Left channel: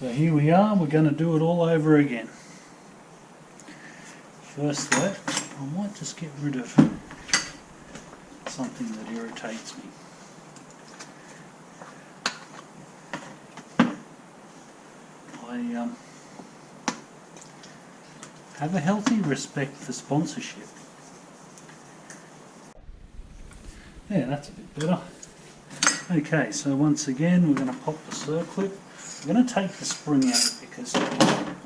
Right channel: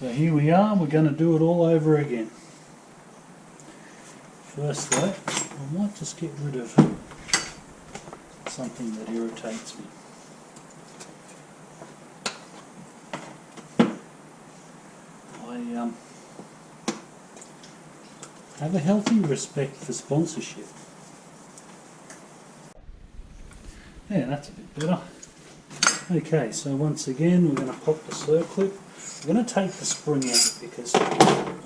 So here we are, we're going to do it all over again. First though, I might just get rid of something that irritates me. I have a healthy respect for sponsorship. Yeah, that's a bit better. Okay, so once again we're going to pop the circlip. We're going to take the spring out because I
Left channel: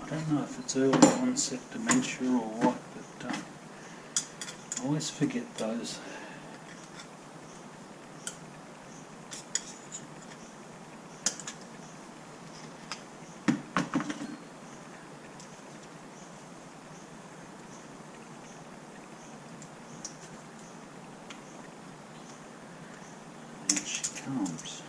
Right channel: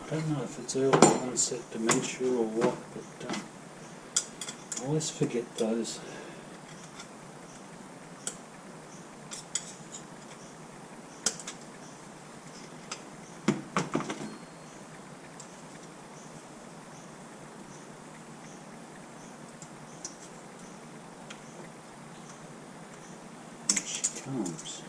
don't know if it's early onset dementia or what, but I always forget those. Here she comes.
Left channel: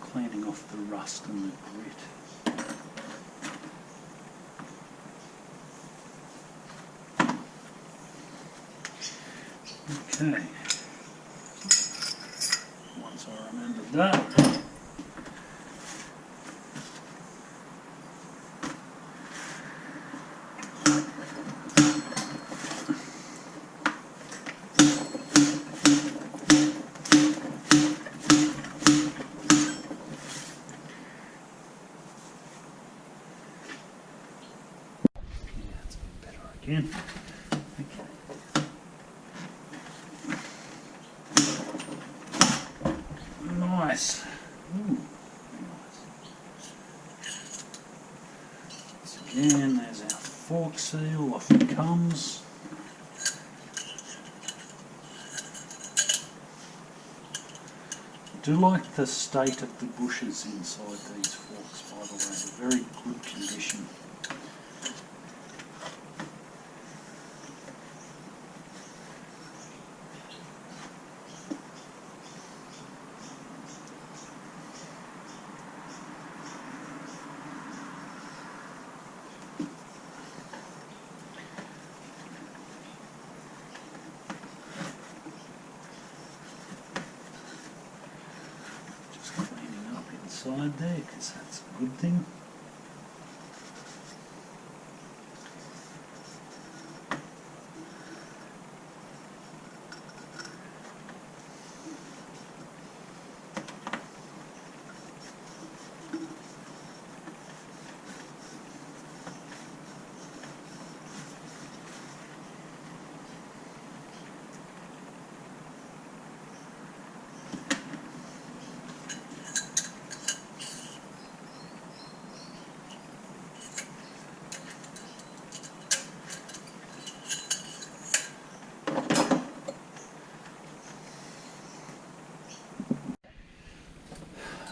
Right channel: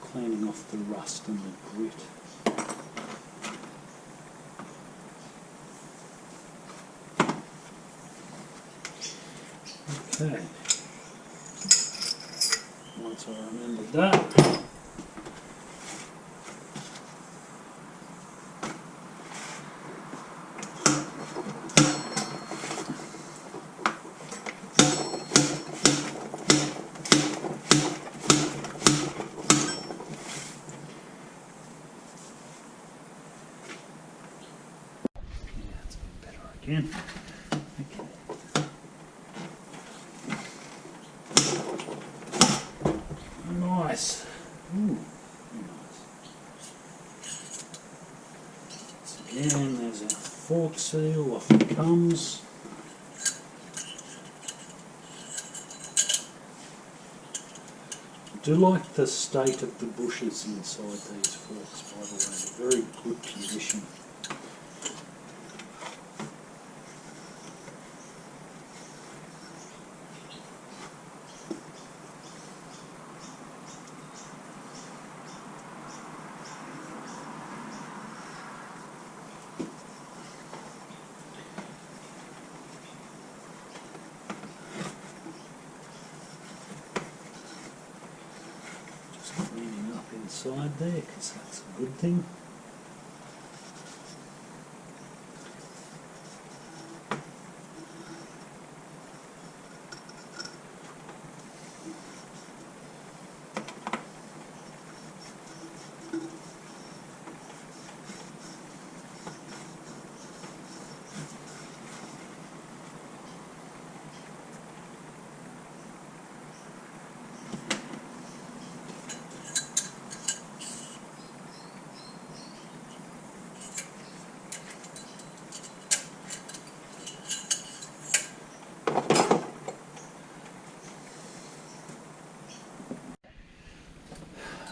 Cleaning off the rust and the grit. Okay, once I remembered that, again. Okay. Nice. Ooh, very nice. Once again, there's our fork seal, off it comes. I do like the state of the bushes inside these forks, by the way. They're very good condition. Inside there, because that's a good thing.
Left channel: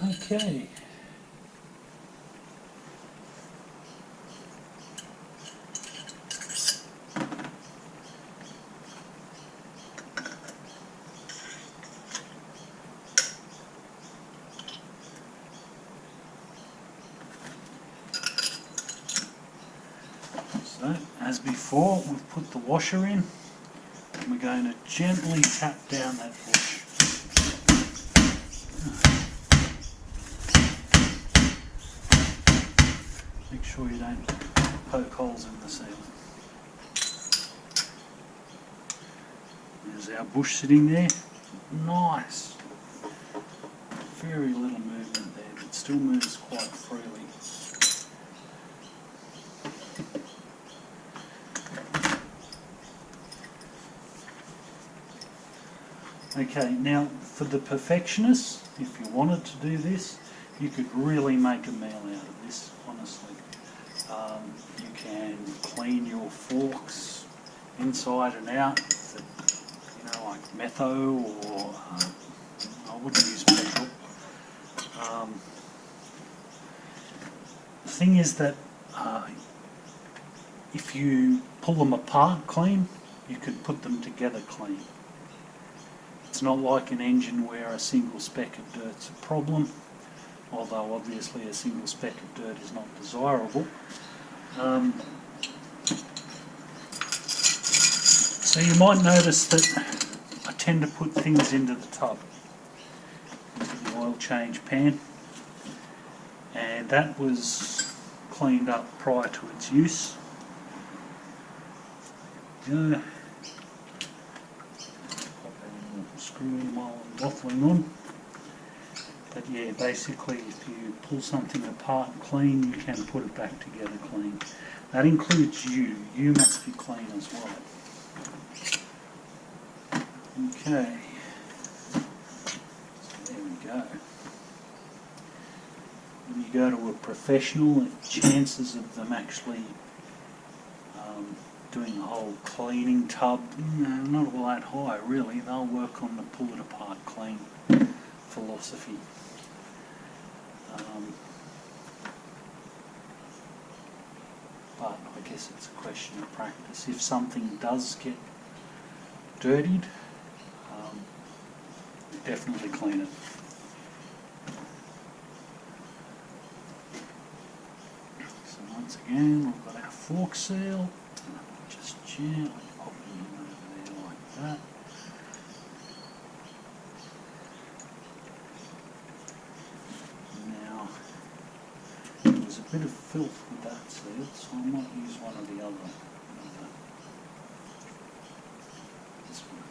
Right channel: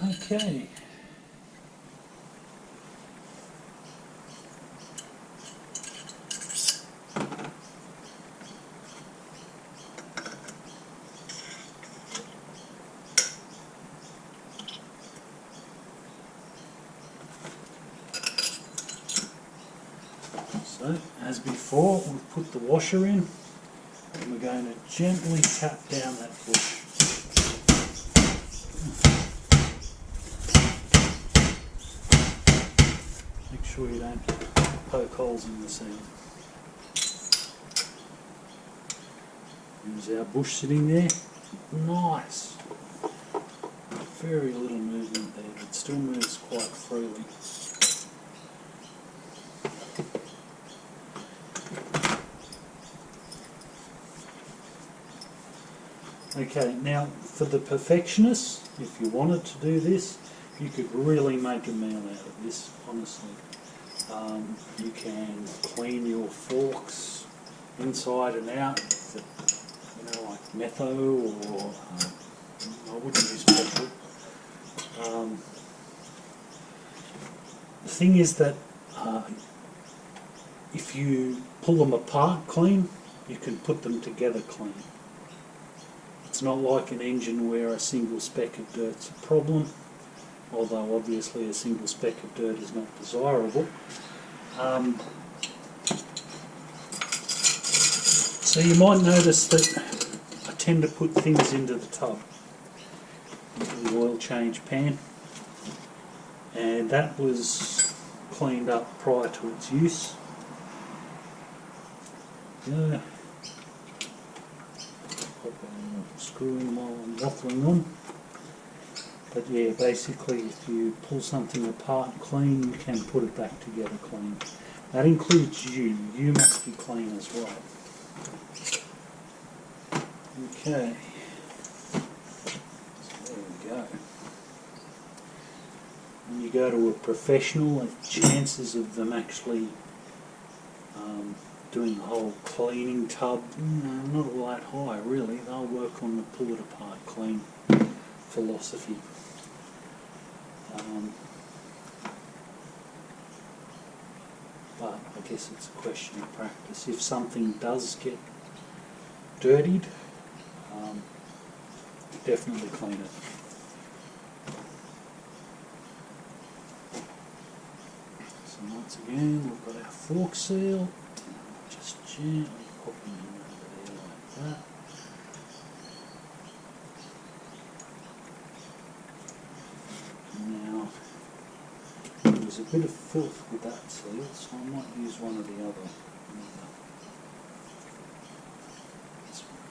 Okay. So, as before, we've put the washer in, and we're going to gently tap down that bush. Make sure you don't poke holes in the ceiling. There's our bush sitting there. Nice. Very little movement there, but still moves quite freely. Okay, now for the perfectionists, if you wanted to do this, you could really make a meal out of this, honestly. You can clean your forks inside and out, like metho, or I wouldn't use petrol. The thing is that if you pull them apart clean, you can put them together clean. It's not like an engine where a single speck of dirt's a problem, although obviously a single speck of dirt is not desirable. So you might notice that I tend to put things into the tub, into the oil change pan, and that was cleaned up prior to its use. Go. Pop our little screw while I'm waffling on. But yeah, basically if you pull something apart clean, you can put it back together clean. That includes you. You must be clean as well. Okay. So there we go. When you go to a professional, the chances of them actually doing the whole cleaning tub, not all that high really. They'll work on the pull it apart clean philosophy. But I guess it's a question of practice. If something does get dirtied, definitely clean it. So once again, we've got our fork seal. Just gently popping him over there like that. Now, there's a bit of filth with that seal, so I might use one of the other, this one.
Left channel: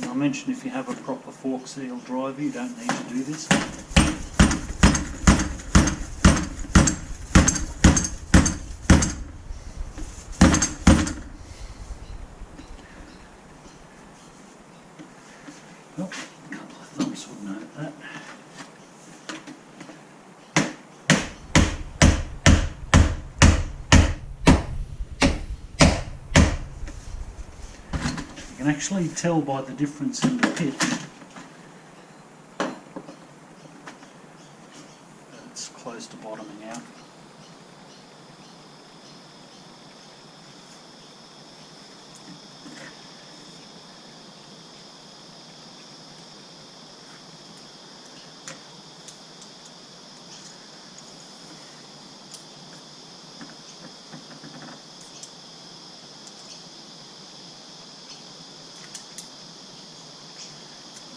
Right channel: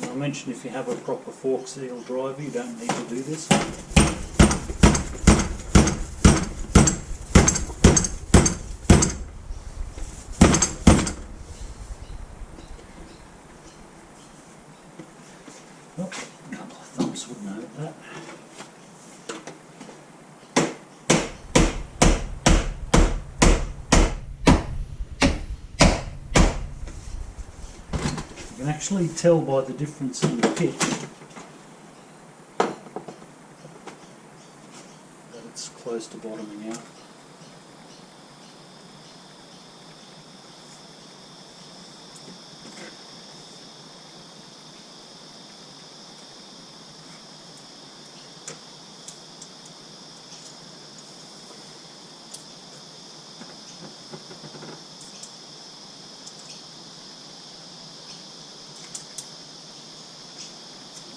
And I mentioned if you have a proper fork seal driver, you don't need to do this. Oh, a couple of thumbs would note that. You can actually tell by the difference in the pitch that it's close to bottoming out.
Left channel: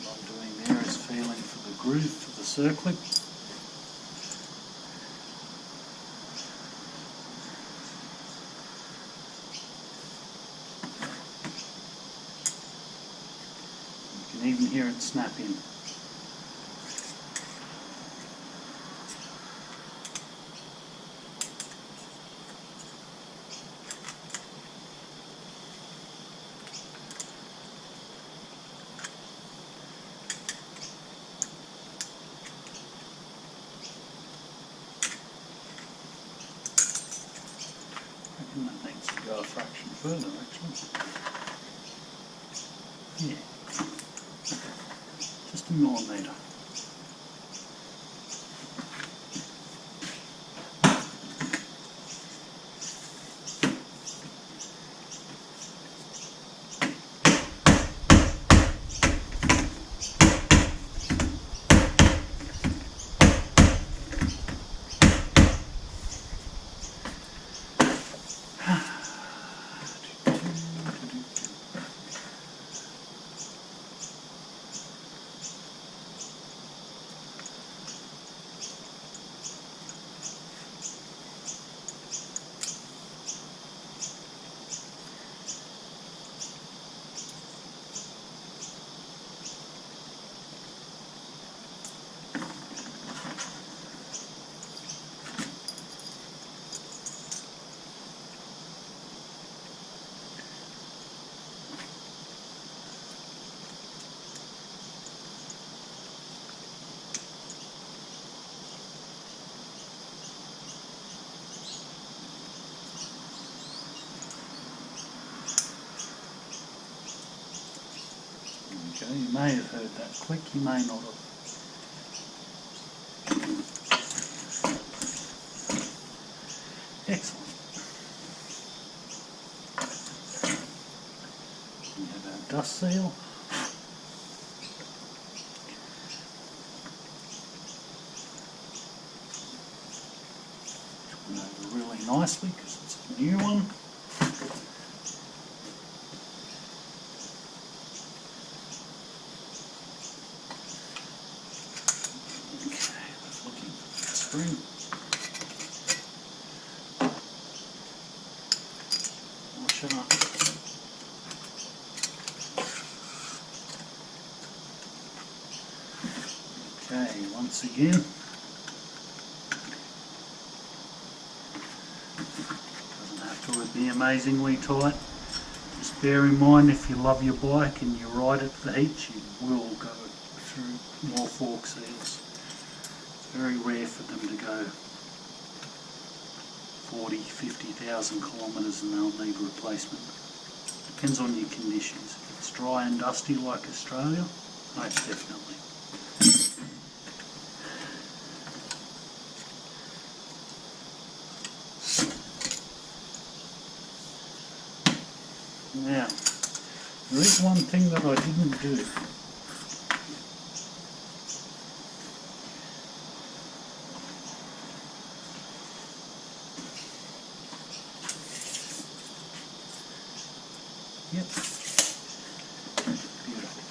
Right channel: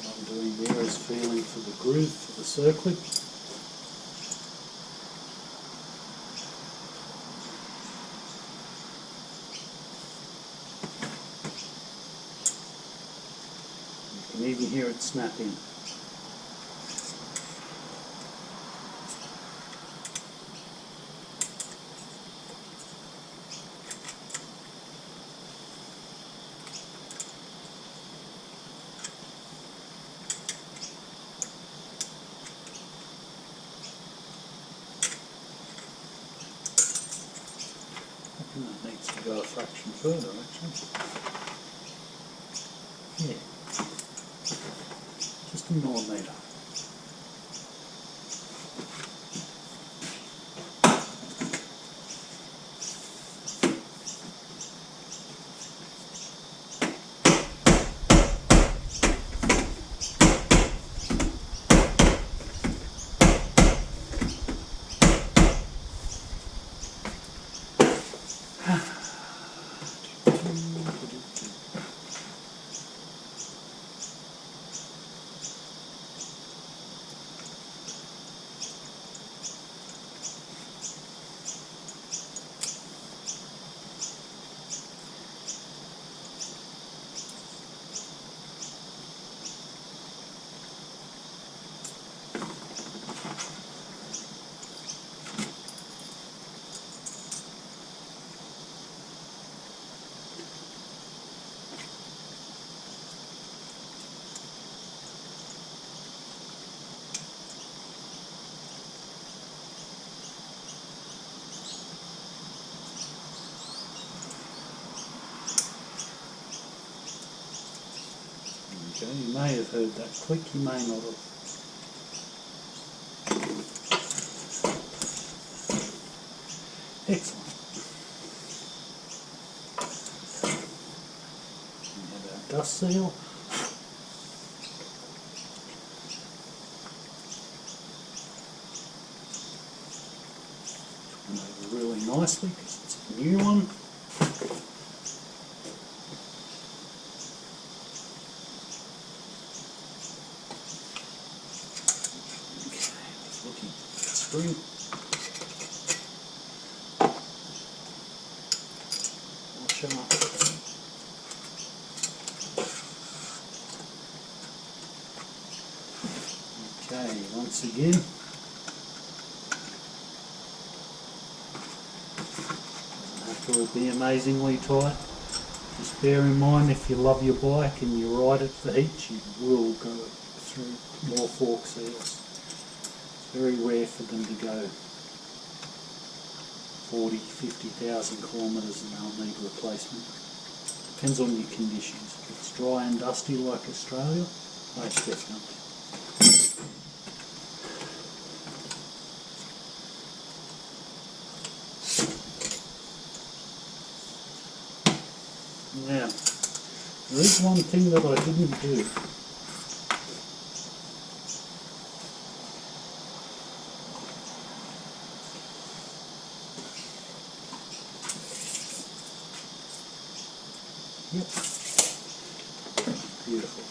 What I'm doing there is feeling for the groove, for the circlip. You can even hear it snap in. I think that needs to go a fraction further actually. Yeah, just a millimetre. Okay, you may have heard that click, you may not have. Excellent. We have our dust seal. over really nicely because it's a new one. Okay, looking at the spring. Washer. Okay, once again, doesn't have to be amazingly tight. Just bear in mind, if you love your bike and you ride it for heats, you will go through more fork seals. It's very rare for them to go 40, 50,000 kilometres and they'll need replacement. Depends on your conditions. If it's dry and dusty like Australia, most definitely. Now, there is one thing that I didn't do. Yep, beautiful.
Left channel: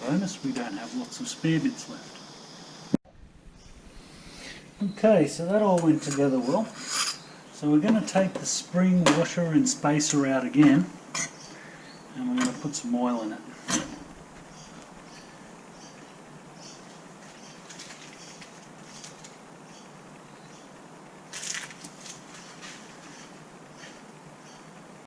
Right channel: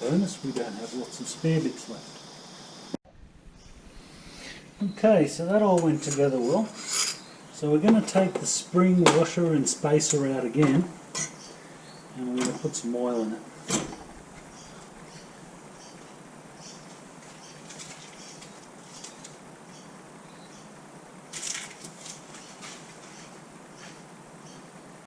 Bonus, we don't have lots of spare bits left. Okay, so that all went together well. So we're going to take the spring washer and spacer out again, and we're going to put some oil in it.